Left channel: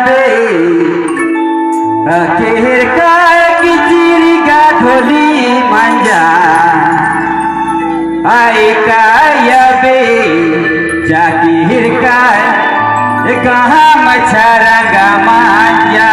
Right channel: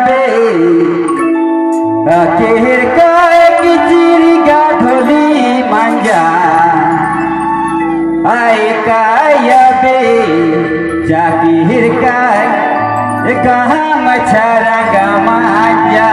যাবে আখের কায় কিচিরি গাধলি মাঞ্জা আই কায়াবে জাকির কায় कहाँ मछरा गमांजा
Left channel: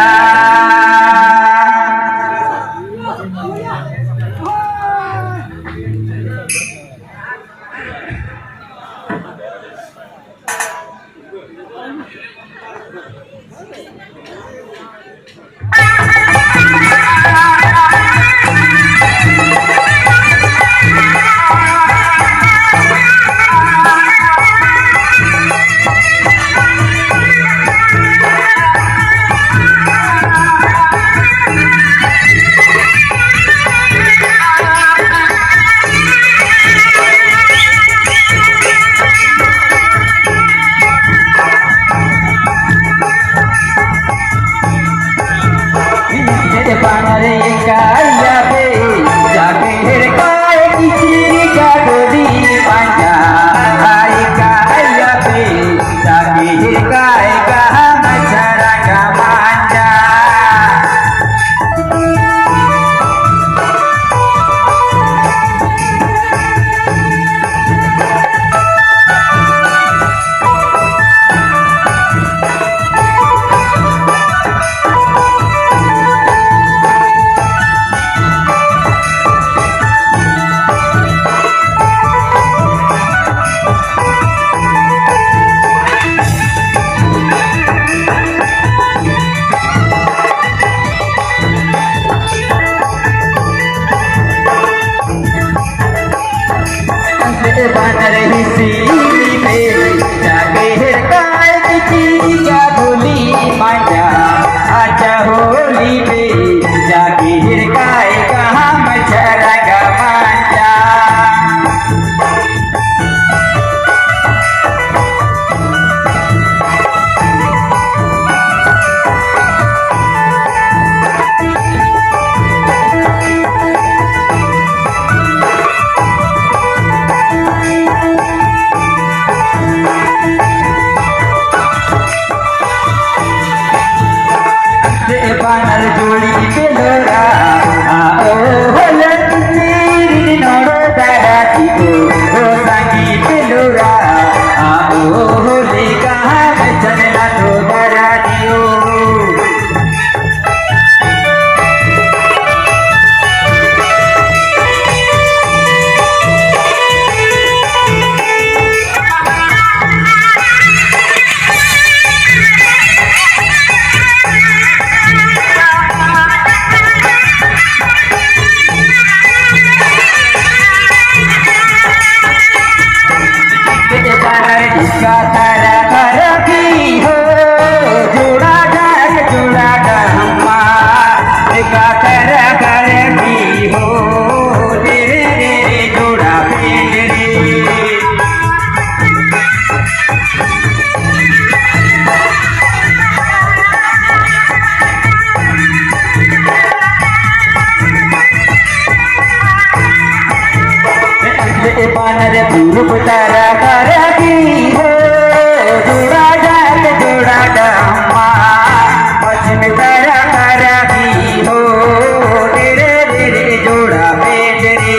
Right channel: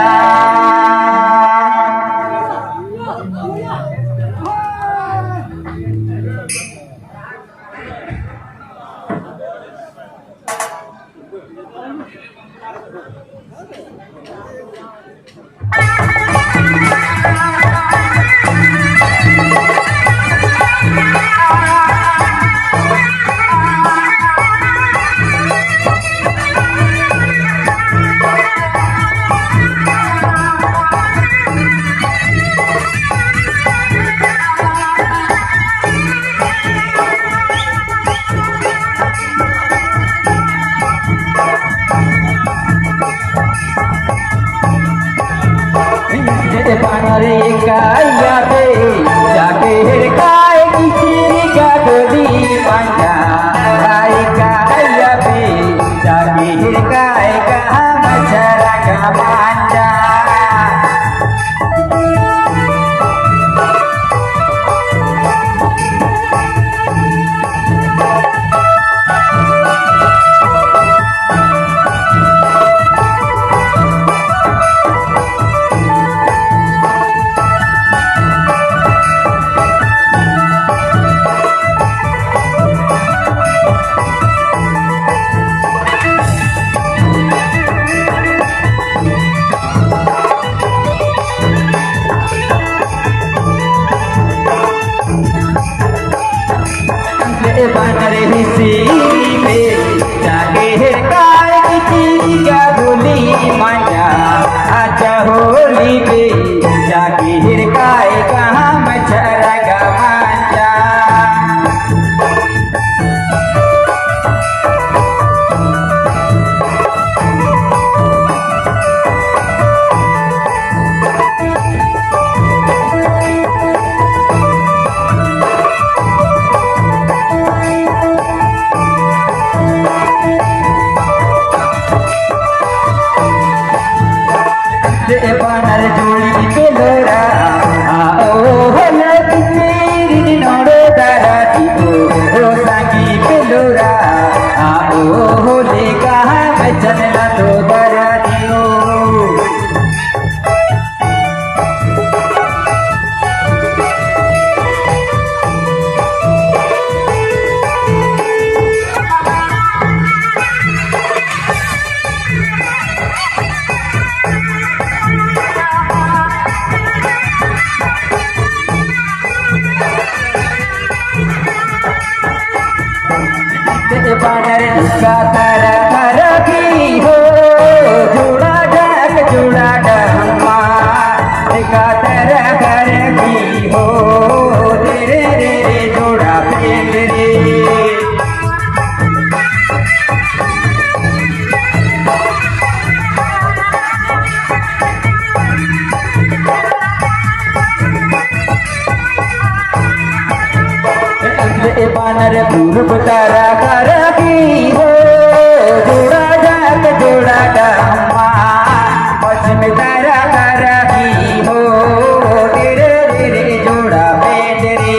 पारे काया पे जाके काय किचरी का गोदी पांजा आई काया पे जाके काय कहा मछरा का पांजा बानर हिसी में जाके काय किचरी का गोली मांजा आजा होली में जाके काय कहाँ मछरा का मांजा बानर जोड़ी बेलोरा आओ होले तेरी नोड़े बैठी ओ संगी बेलोरा आओ होले कहाँ बचन मतो बरा दियो इसका करा करा की हो जुड़ा गम्मा इसका करा करा की हो रे रे रे जोड़ा पेंड रे बानर पूर्व तारा करा की हो जोड़ा गम्मा पश्चिम तारा करा की हो रे रे रे जोड़ा पेंड रे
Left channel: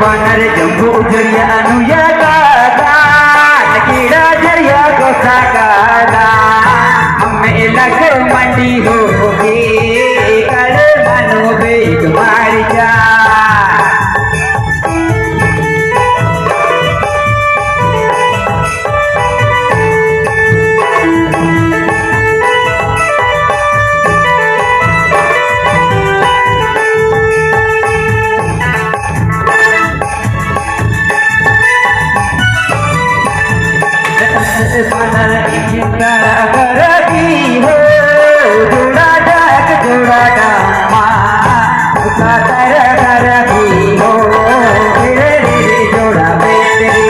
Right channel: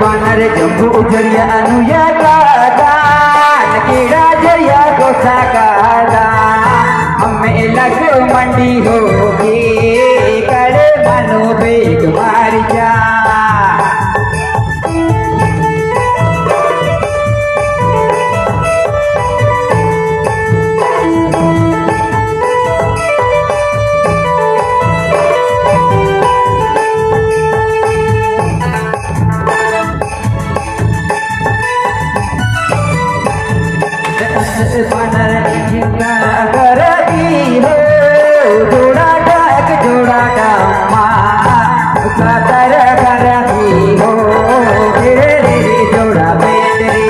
बानर जम्बू जरिया अनुया गादा कीड़ा जरिया गोसा गादा हमें लग मंडी होगी कर मनु बनर जिंदा करगी हो जोड़ा डाक जोड़ा डामा उसका कर करगी हो धीरे धीरे जोड़ा बेटरी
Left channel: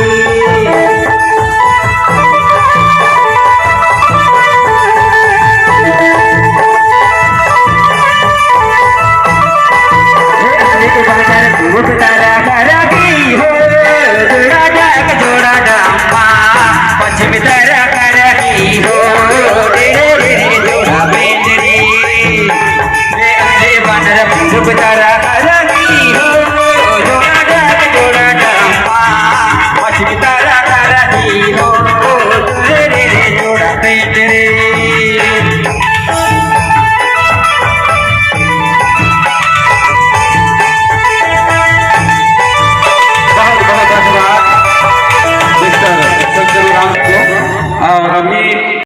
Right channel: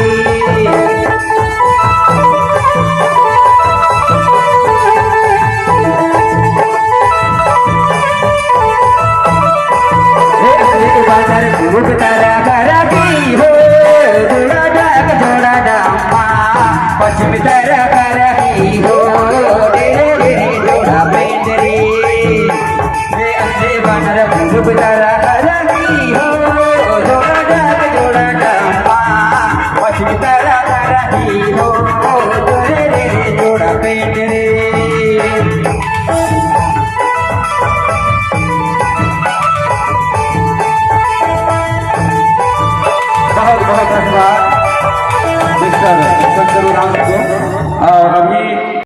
बनर तारा करगी हो जोड़ा डाक जोड़ा डामा पश्चिम तारा करगी हो धीरे धीरे जोड़ा बेटरी बनर तारा